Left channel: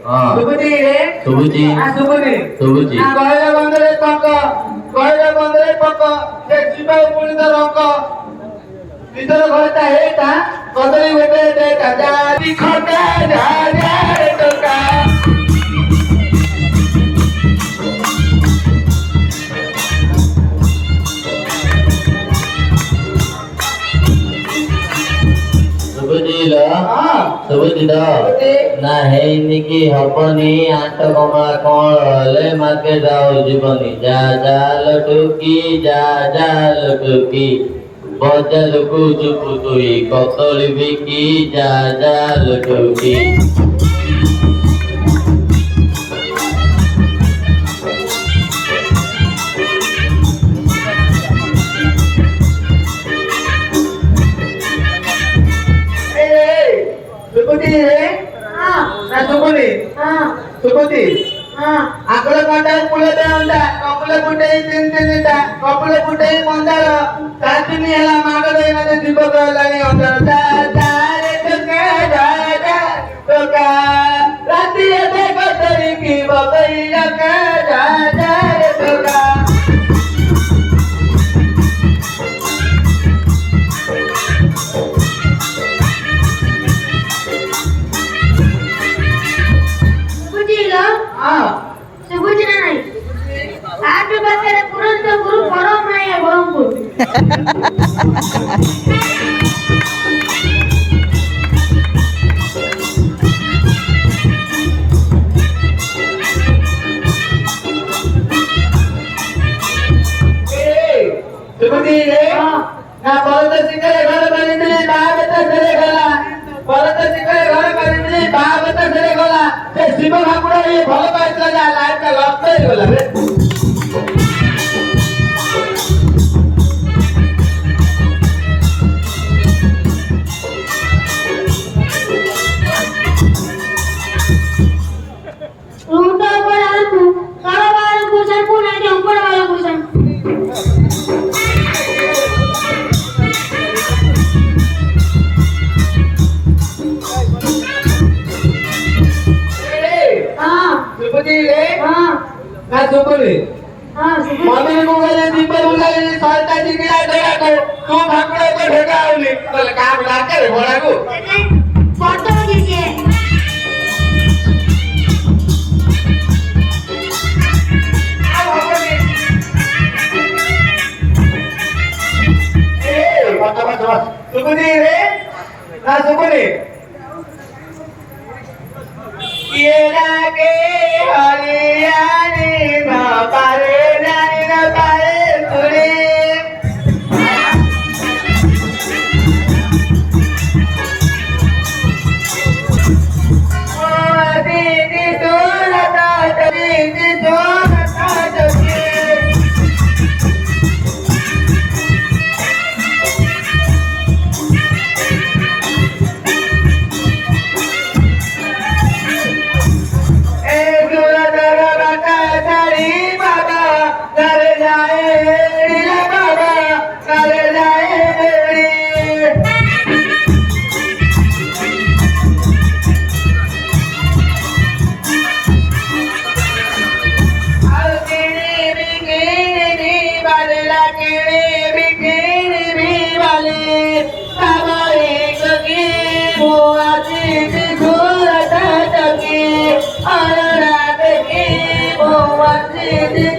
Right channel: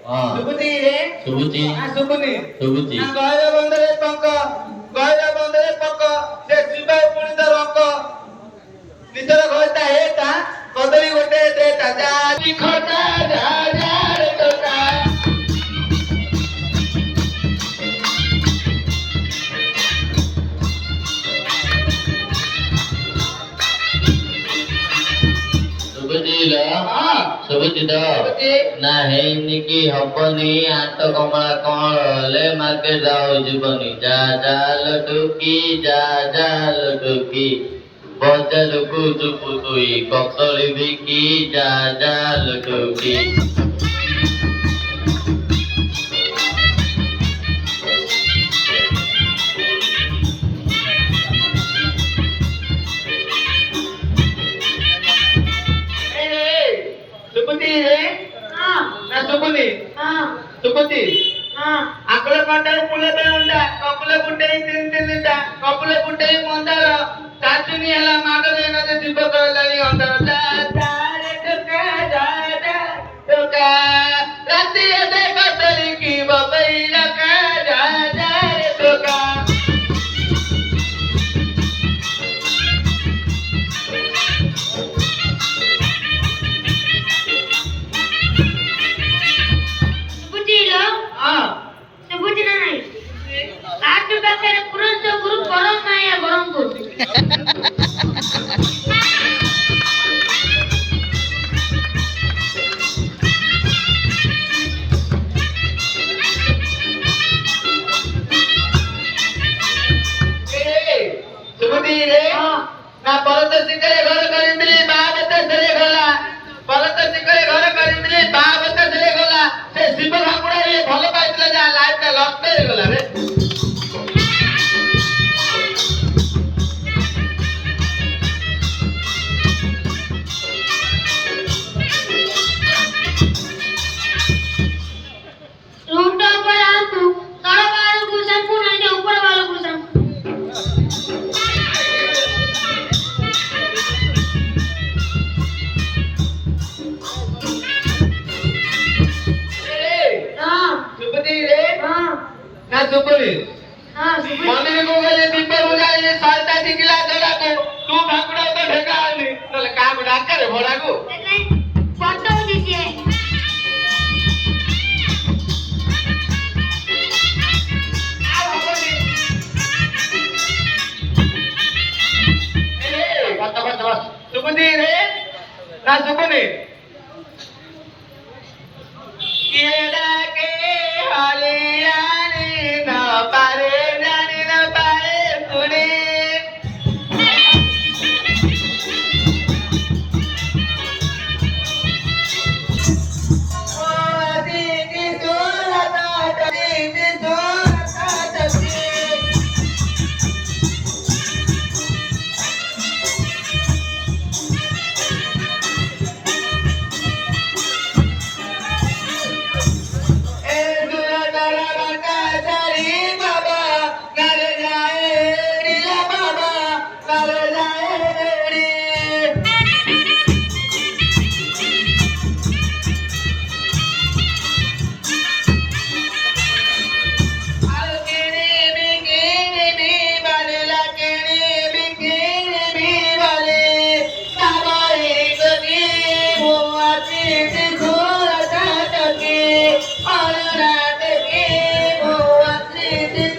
ଶୁଭୁଛି ରେ ଶୁଭୁଛି ଶୁଭୁନି ଶୁଭୁଛି କହିଲେ ବନ୍ଧରେ ପଙ୍କ କହିଲେ ବନ୍ଧରେ ପଙ୍କ ସେ ଯିବା ପୁଣି ତ ରଙ୍କ ନିଜର ଘରଟା ହେଇତା କଦଳୀ ଗୋଟେ ଦେତା ଯାବି ଖଟା ଝାଡାରେ ଟୋକା ଶୁଭୁଛି ଶୁଭୁଛି ତ ନା ହେଇନି କି ହବନି ଆଣ୍ଟ କମଳା କଣ ହେଲେ ମାର୍କେଟ ଆଉ ଯିବନି ଯା ଚାଲ ଟୁକି ଯା ଚାଲ ଟୁକି ବଜାରକୁ ଯିବୁ ତୁଇ କଦଳୀ ବିକି ଯା ଚାଲ ଟୁକି ଶୁଭୁଛି ରେ ନା ଶୁଭୁନି ଶୁଭୁଛି ଆକୁଳ କଣ୍ଟା କୁଳେ ଅଣ୍ଡା କପୁଲେ ଫୁଟେଇ ତିନିଟା କପୁଲେ ଫୁଟେଇ ମନ୍ଦାର ତାକିନି ହେଲା ମାଗ ଦେଇନା ଜୀବ କହିଲାଣି ଅନ୍ଧାର ଟୋକା ରାତି ଏତେ କଦଳୀ କି ବବେଇ ଟୋକା ଶୁଭୁଛି ନା ନାଇଁ କାଠ ପାଖରେ ପୁରନ୍ତ ଗୁରୁ ପରମ ମାୟା ବରମପୁର ଶୁଭୁଛି ରେ ନା ଭରତ ଶିଖରେ ଘର କରିଥିଲି ମା ବେତ ସେରେ ଗଲା ଭରତ ଶିଖରେ ଘର କରିଥିଲି ମା ବେତ ସେରେ ଗଲା ସେ ଶିବ ଠାକୁର ଭଲ ପାଇଥିଲା ଯା ଲାଇଫଟା ଲସ୍ ହେଇଗଲା ରେ रूम ऊपर आलू तଳ ବାରକୁ ସମ୍ପୁ ନାଟି ଉପର ବାରକୁ ସମ୍ପୁ ଶୁଭୁଛି ରେ ନା ଶୁଭୁନି ମନେ ଗଲେ ଦୀପ ବୁଲାଇ ସଳତା ଟିକିଲା ଧରାକୁ ତୁ ଭାକୁର ତ ଢେକା ହଉନି ତାହେଲେ କାହାକୁ ଡାକରେ ଭଡ଼ାକୁ ଫଟୋ ଦିଏ ଶୁଭୁଛି ରେ ନା ଶୁଭୁନି କିଏ ଡାକେ ହରିୟାଣି ନ ପାରେ ଜାଣି ନ ପାରେ ପୁରୀ ଦିଦି ତୋର ଦିଦି ତୋର What did